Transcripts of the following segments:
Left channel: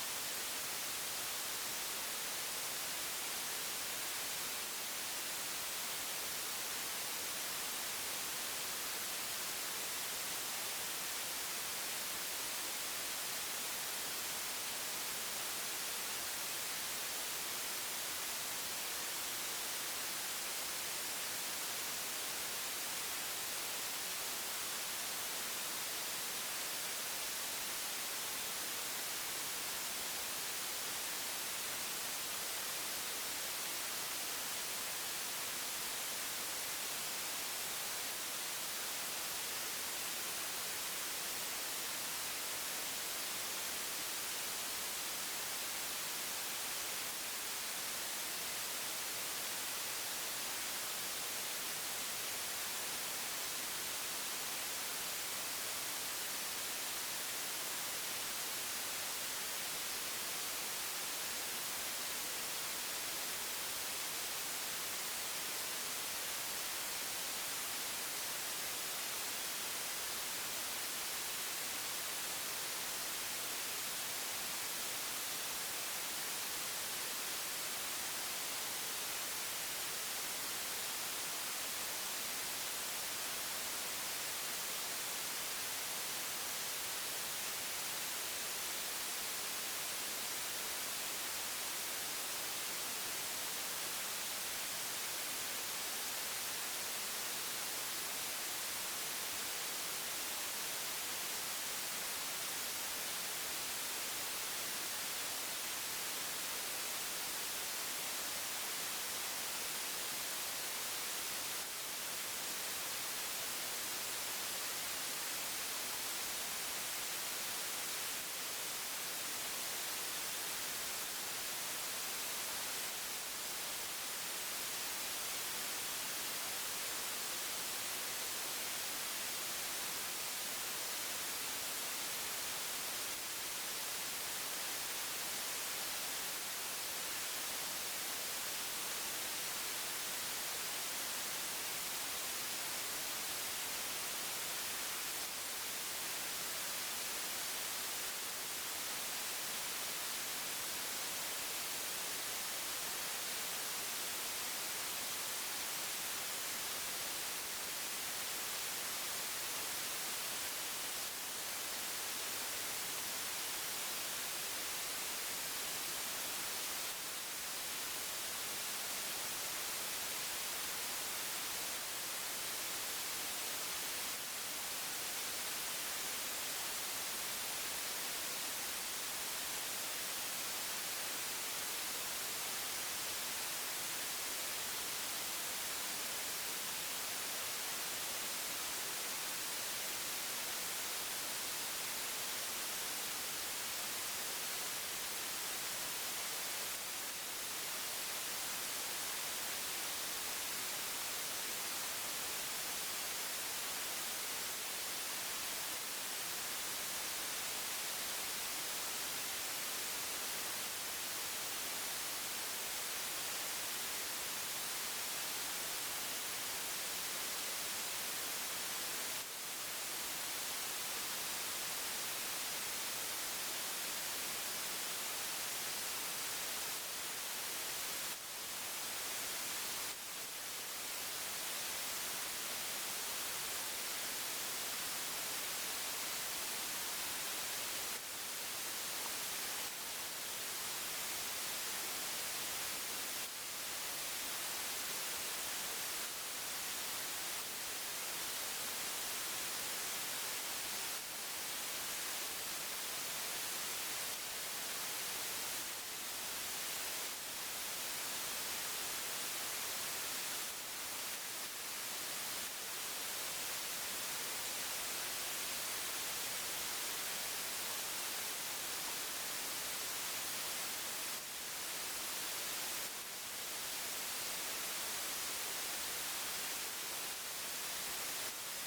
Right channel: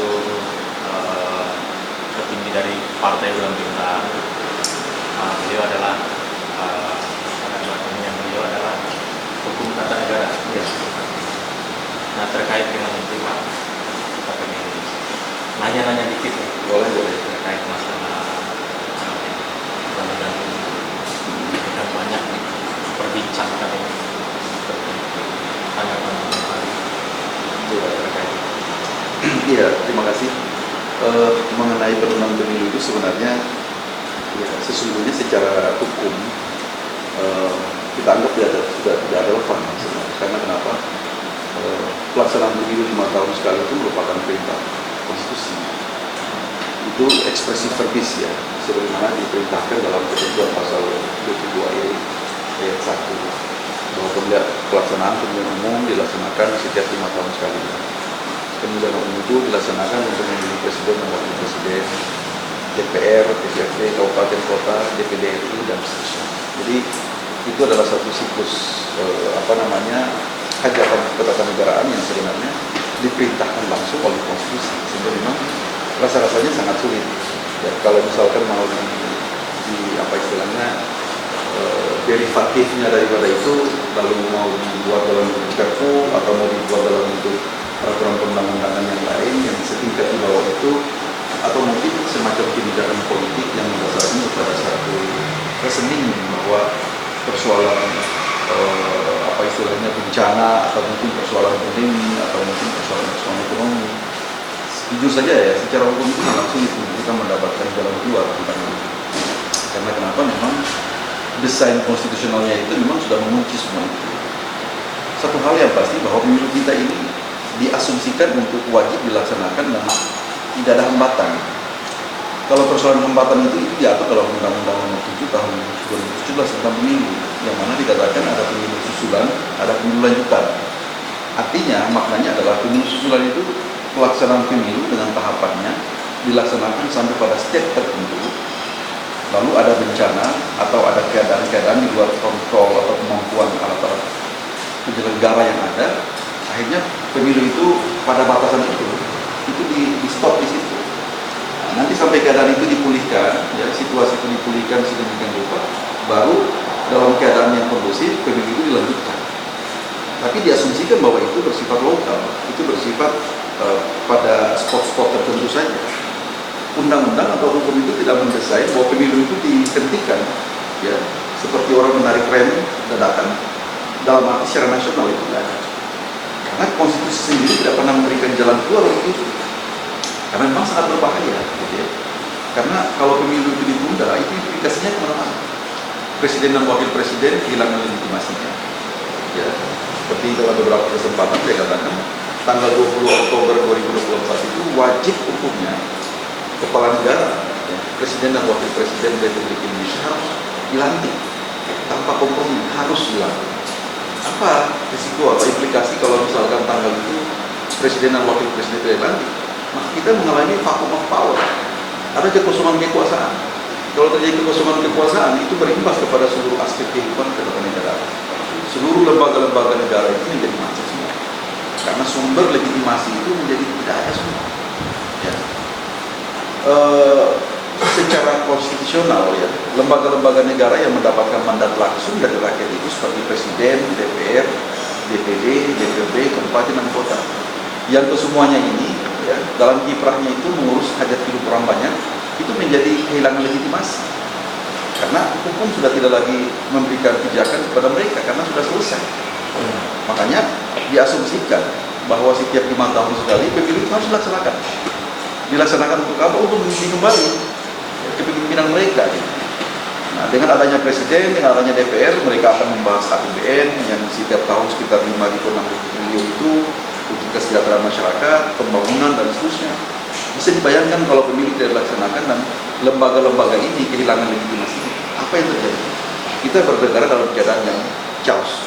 satu petinggi dari partai bulan bintang. Beliau adalah beliau adalah hukum tata negara. Ya. Nah, terkait dengan itu Pak, kita pengen nanya-nanya dikit ya. Boleh. Terkait masalah mudah-mudahan kita banyak perbincangkan ini seperti tanggapan terkait. Iya, terima kasih. Mengenai penundaan pemilu itu sebenarnya ya, sesungguhnya secara hukum kita anggap sudah tidak relevan sebenarnya. Karena kenapa? Pelaksanaan pemilu 5 tahun sekali itu merupakan perintah konstitusi. Itu ekspresi verbis ya, sebagaimana diperintahkan dalam ketentuan pasal 22E ayat 1 bahwa pelaksanaan pemilihan umum dilaksanakan setiap 5 tahun sekali. Pemilihan umum itu dilaksanakan untuk memilih presiden dan wakil presiden, DPR, DPRD, kabupaten kota, DPD RI dan seterusnya. Jadi itu adalah satu siklus hajatan ketatanegaraan yang sebenarnya diperintahkan langsung oleh konstitusi, sehingga memang rasa-rasanya sangat sulit. Ya, kalau misalkan mau derivatifnya daripada itu, lalu mau dibuat dalam bentuk perpu atau mau dibuat dalam bentuk peraturan perundang-undangan yang lain yang setingkat di bawah itu, atau mungkin semacam kebijakan politik yang mendasarkan pada satu reasoning bahwa persoalan bencana atau mungkin persoalan ekonomi atau mungkin persoalan ekonomi. Jujur saja ya, secara hukum itu sangat sulit untuk kita mendapatkan jalan keluar tentang itu. Karena kenapa? Memang desain konstitusionalnya itu memang sudah mengunci semua itu. Satu hal yang pasti bahwa pemilu kita ini diasumsikan untuk wajib dilaksanakan dan tidak ada hambatan. Kalau persoalan hambatan itu diatur dalam Undang-Undang Nomor 7 Tahun 2017 tentang pemilu, yang mana dikatakan ada pemilu susulan, ada pemilu lanjutan. Artinya maknanya adalah pemilu susulan itu pelaksanaan pemilu dengan tahapannya dilaksanakan sampai pada step tertentu. Lalu ada bencana atau ada keadaan-keadaan di luar kontrol atau kemampuan alat-alat penyelenggara yang ada, akhirnya pemilu itu pada batasan itu di stop di situ. Nah, nanti sampai keadaan itu dipulihkan, ya, situasi itu dipulihkan sedemikian rupa, baru dalam keadaan yang kondusif pemilu itu dilanjutkan. Tapi diasumsikan bahwa itu bersifat lokal, itu bersifat pada spot-spot tertentu saja. Undang-undang atau hukum itu tidak mendesain bahwa pemilu itu dihentikan, ya, seperti orang menarik rem dadakan dalam arti secara nasional itu tidak ada. Karena konstitusi sendiri tidak pernah memberikan jalan keluar untuk itu. Karena memang sangat berbahaya, gitu ya. Karena kalau pemilu itu ditunda, itu implikasinya kemana-mana. Presiden dan wakil presiden kehilangan legitimasinya. Ya, seperti dalam beberapa kesempatan saya katakan, tanggal 20 Oktober 2024 itu wajib hukumnya kepala negara, ya, presiden dan wakil presiden Republik Indonesia harus dilantik tanpa kompromi, harus dilantik. Apa risiko atau implikasi kalau misalkan tanggal itu presiden dan wakil presiden dilantik? Maka kita mengalami vacuum of power, ada kekosongan kekuasaan. Kalau terjadi kekosongan kekuasaan, itu berimbas kepada seluruh aspek kehidupan ketatanegaraan. Seluruh lembaga-lembaga negara itu menjadi macet semua, karena sumber legitimasi itu menjadi tidak ada semua. Ya. Secara konstitusional, ya, lembaga-lembaga negara yang mendapatkan mandat langsung dari rakyat itu seperti presiden, DPR, DPD, DPRD, kabupaten dan kota, yang kesemuanya ini, ya, dalam kiprahnya itu mengurus hajat hidup orang banyak, itu menjadi kehilangan legitimasi. Karena hukum sudah tidak lagi memberikan pijakan kepada mereka karena sudah selesai. Makanya diasumsikan bahwa setiap 5 tahun sekali pemilu itu harus dilaksanakan. Dilaksanakan untuk apa? Untuk memilih kembali kepemimpinan mereka. Nah, dengan adanya presiden, dengan adanya DPR, mereka akan membahas APBN yang setiap tahun sekitar 5,6 triliun itu untuk kesejahteraan masyarakat, pembangunan dan seterusnya. Bisa dibayangkan kalau pemilu tidak dilaksanakan dan lembaga-lembaga ini kehilangan legitimasi, apa yang terjadi? Kita bernegara dalam keadaan yang chaos.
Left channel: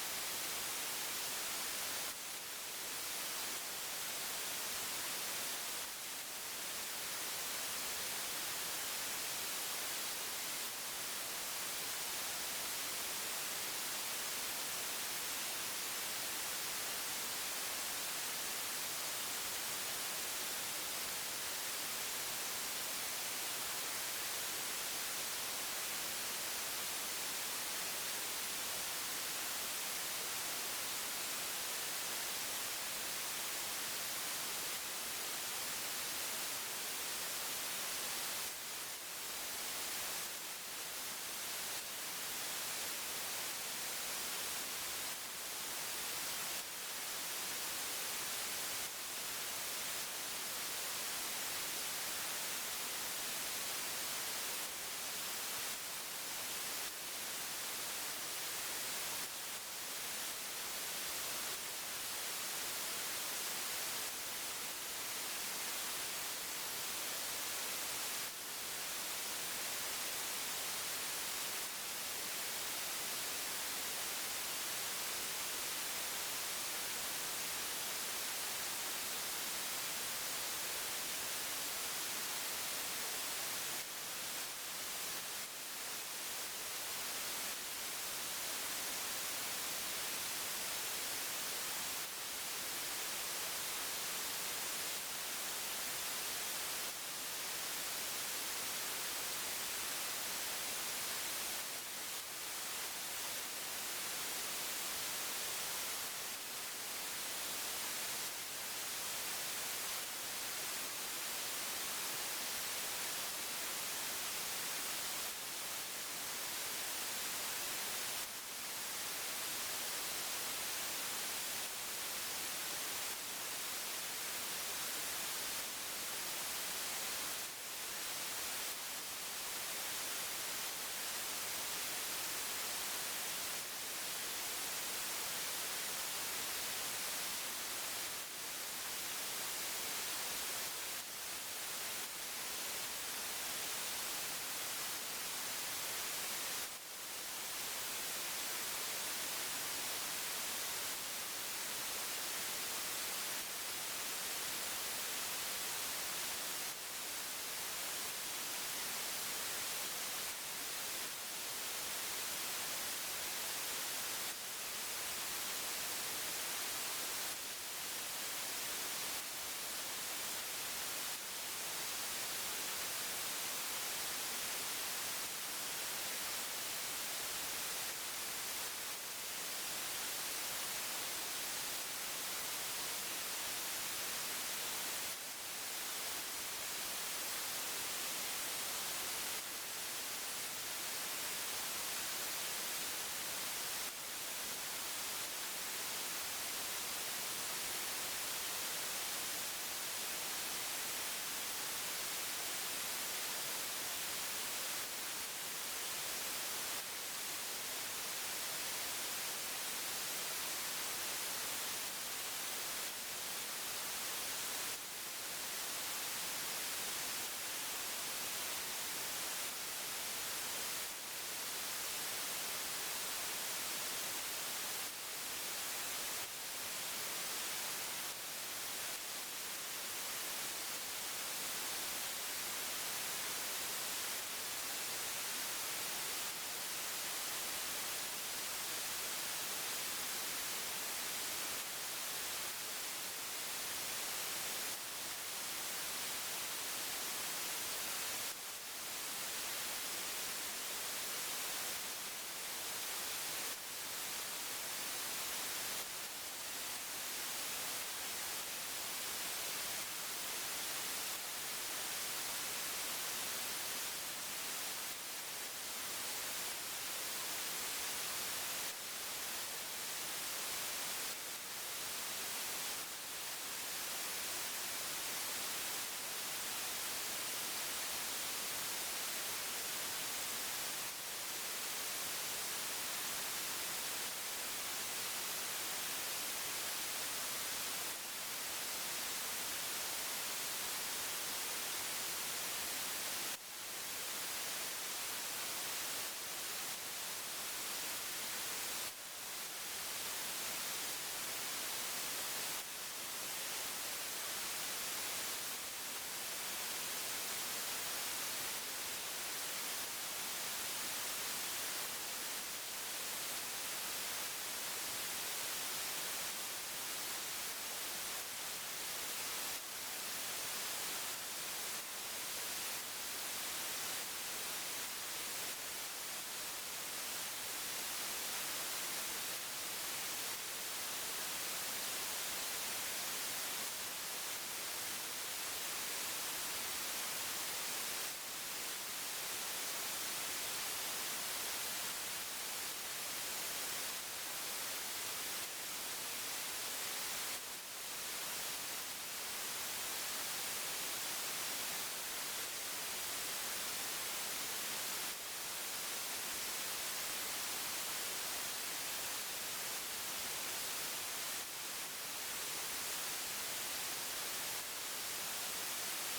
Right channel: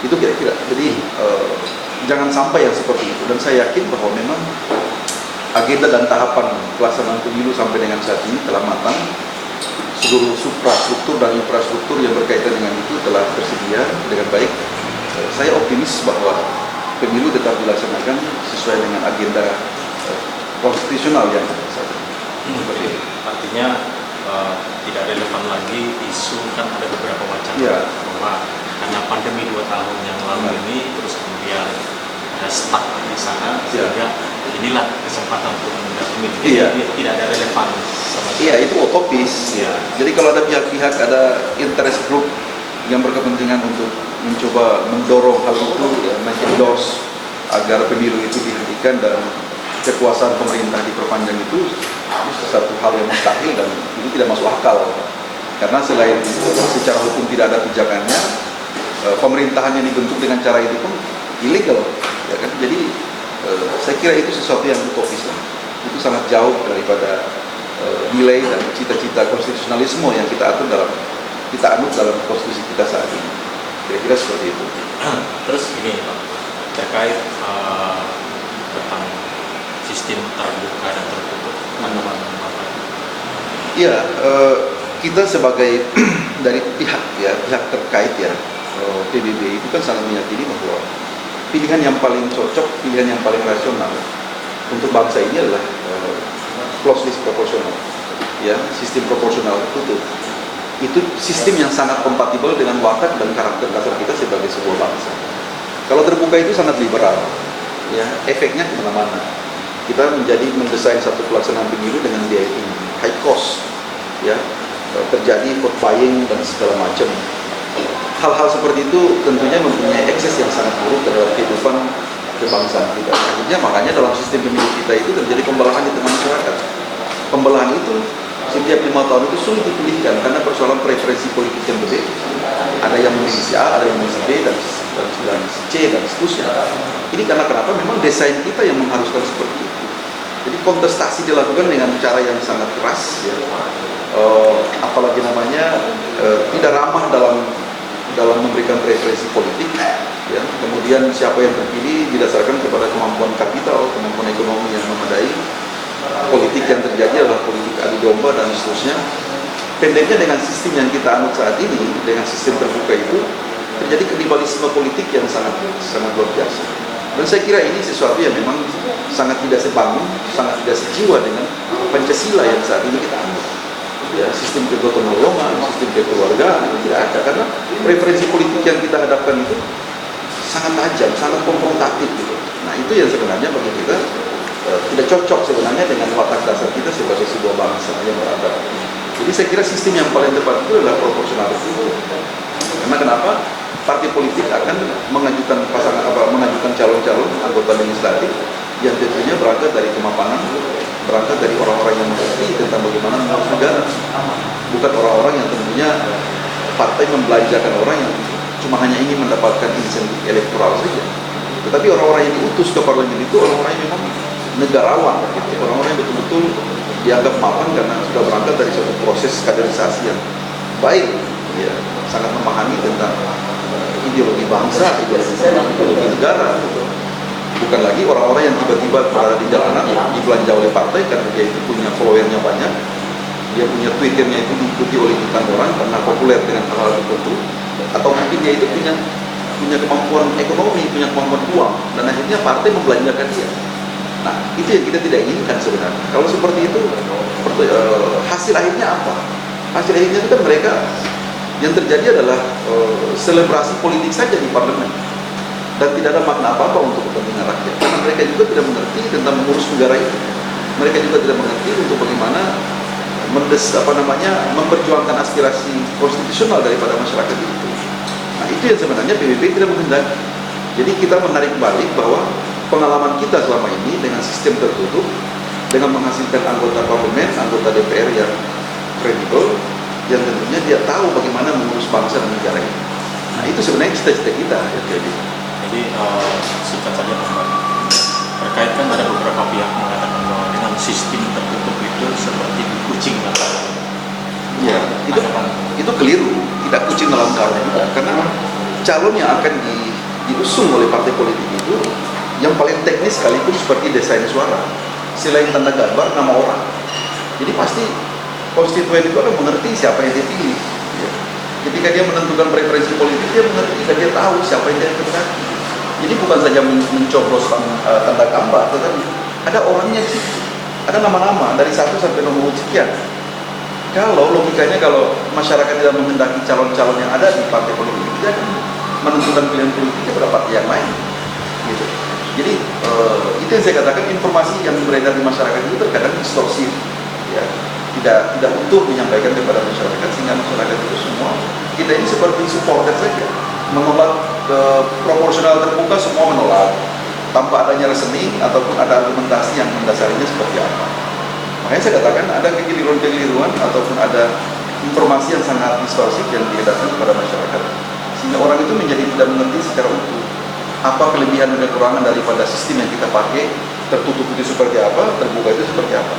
Itu kira-kira. Jadi jangan sampai yang seperti itu. Dan saya yakin bahwa memang agenda dan tahapan pelaksanaan pemilu sampai dengan saat ini telah matang. Seluruh suprastruktur dan infrastruktur yang berkaitan dengan itu telah tersedia dengan baik. Saya optimis bahwa pemilu tetap dilaksanakan sesuai dengan agenda konstitusional yang ada saja. Seperti itu. Artinya tidak relevan lagi isu, kan ada beberapa wacana Iya. bahwa karena pandemi 2 tahun yang lalu ini terus kemudian ada stuck di sana sehingga inilah kesempatan untuk menunda pemilu. Iya. Tidak ada relevan sama sekali. Iya, itu utopis. Iya. Jadi kalau ada pihak-pihak, ada interest group yang berkepentingan untuk mencoba mendorong hal itu, ya, endorse agar pemilu itu dihentikan dan kekuasaan pemerintah diperpanjang, itu satu hal yang mustahil dan itu tidak masuk akal. Karena selain secara hukum tidak ada pijakannya, pemerintahan yang dibentuk dengan cara itu pun ilegal, ya kan? Jadi saya kira itu sesuatu yang utopis lah. Itu sangat jauh daripada nilai dan cita-cita konstitusionalisme yang kita anut dalam konstitusi kita saat ini. Kira-kira seperti itu. Terus ini Pak, terkait tentang sistem terbuka dan tertutup, tanggapan Bapak? Iya, kita sebagai dari pihak terkait ya, PBB itu kan sangat meyakini bahwa pilihan yang paling cocok, pilihan yang paling rasional untuk bangsa ini adalah closed list proporsional, ya, sistem proporsional tertutup. Itu sistem yang sangat kompatibel dengan watak dan karakter dasar kita sebagai sebuah bangsa. Kalau terbuka itu sangat liberal, ya, efeknya kemana-mana. Kita mendesain satu pelaksanaan pemilu dengan biaya tinggi, high cost, ya, terjadi vote buying dan segala macam. Hal-hal seperti itu tentunya mempunyai ekses yang sangat buruk dalam kehidupan kebangsaan kita. Akhirnya makanya dalam sistem pemilu kita itu terjadi pembelahan di tengah masyarakat. Pembelahan itu setiap 5 tahun itu sulit dipulihkan karena persoalan preferensi politik yang berbeda. Ada yang memilih si A, ada yang memilih si B, dan si C, dan seterusnya. Ini karena kenapa? Memang desain kita yang mengharuskan seperti itu. Jadi kontestasi dilakukan dengan cara yang sangat keras, ya. Apalagi tidak ramah dalam memberikan preferensi politik, ya. Kemudian siapa yang terpilih didasarkan kepada kemampuan kapital, kemampuan ekonomi yang memadai. Politik yang terjadi adalah politik adu domba dan seterusnya. Pendeknya dengan sistem yang kita anut saat ini, dengan sistem terbuka itu, terjadi kanibalisme politik yang sangat luar biasa. Dan saya kira ini sesuatu yang memang sangat tidak sebangun, sangat tidak sejiwa dengan Pancasila yang saat ini kita anut. Ya, sistem kegotong royongan, sistem kekeluargaan itu tidak ada, karena preferensi politik yang kita hadapkan itu sangat tajam, sangat konfrontatif gitu. Nah, itu yang sebenarnya bagi kita tidak cocok sebenarnya dengan watak dasar kita sebagai sebuah bangsa yang beradab. Jadi saya kira sistem yang paling tepat itu adalah proporsional itu. Karena kenapa? Partai politik akan mengajukan calon-calon anggota legislatif yang tentunya berangkat dari kemapanan, berangkat dari orang-orang yang mengerti tentang bagaimana mengurus negara, bukan orang-orang yang tentunya partai membelanjakan orang yang cuma hanya ingin mendapatkan insentif elektoral saja. Tetapi orang-orang yang diutus ke parlemen itu orang-orang yang memang negarawan, gitu. Orang-orang yang betul-betul dianggap mapan karena sudah berangkat dari suatu proses kaderisasi yang baik, ya, sangat memahami tentang ideologi bangsa, ideologi negara, gitu. Bukan lagi orang-orang yang tiba-tiba berada di jalanan dibelanja oleh partai karena dia itu punya followernya banyak, dia punya twitternya itu diikuti oleh jutaan orang karena populer dengan hal-hal tertentu, atau mungkin dia itu punya kemampuan ekonomi, punya kemampuan uang, dan akhirnya partai membelanjakan dia. Nah, itu yang kita tidak inginkan sebenarnya. Kalau seperti itu, hasil akhirnya apa? Hasil akhirnya itu kan mereka, yang terjadi adalah selebrasi politik saja di parlemen. Dan tidak ada makna apa-apa untuk kepentingan rakyat. Karena mereka juga tidak mengerti tentang mengurus negara ini. Mereka juga tidak mengerti untuk bagaimana memperjuangkan aspirasi konstitusional daripada masyarakat itu. Nah, itu yang sebenarnya PBB tidak menghendaki. Jadi kita menarik balik bahwa pengalaman kita selama ini dengan sistem tertutup, dengan menghasilkan anggota parlemen, anggota DPR yang kredibel, yang tentunya dia tahu bagaimana mengurus bangsa dan negara ini. Nah, itu sebenarnya cita-cita kita, ya. Jadi singkat saja Pak, terkait kan ada beberapa pihak mengatakan bahwa dengan sistem tertutup itu seperti kucing dalam karung. Ya, itu keliru, tidak kucing dalam karung juga, karena calon yang akan diusung oleh partai politik itu yang paling teknis sekalipun seperti desain suara, selain tanda gambar, nama orang. Jadi pasti konstituen itu akan mengerti siapa yang dia pilih. Ya. Ketika dia menentukan preferensi politik, dia mengerti dan dia tahu siapa yang dia kehendaki. Jadi bukan saja mencoblos tanda gambar, tetapi ada orangnya di situ. ada nama-nama dari 1 sampai nomor sekian. Kalau logikanya kalau masyarakat tidak menghendaki calon-calon yang ada di partai politik, dia akan menentukan pilihan politiknya pada partai yang lain. Gitu. Jadi itu yang saya katakan, informasi yang beredar di masyarakat itu terkadang distorsi, ya, tidak utuh menyampaikan kepada masyarakat, sehingga masyarakat itu semua kita ini seperti supporter saja, menolak proporsional terbuka, semua menolak tanpa adanya reasoning ataupun ada argumentasi yang mendasarinya seperti apa. Makanya saya katakan ada kekeliruan-kekeliruan ataupun ada informasi yang sangat distorsif yang diedarkan kepada masyarakat, sehingga orang itu menjadi tidak mengerti secara utuh apa kelebihan dan kekurangan daripada sistem yang kita pakai. Tertutup itu seperti apa, terbuka itu seperti apa.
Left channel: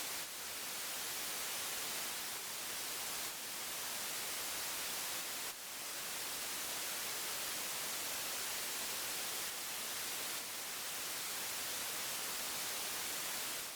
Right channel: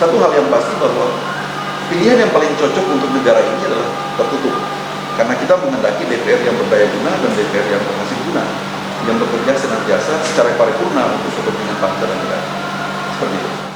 Satu hal yang pasti bahwa pilihan yang paling cocok untuk negara ini adalah tertutup, karena kita menghendaki DPR yang berdaya guna dan DPR yang berhasil guna, yang bekerja senantiasa secara paripurna untuk kepentingan bangsa dan negara. Seperti itu.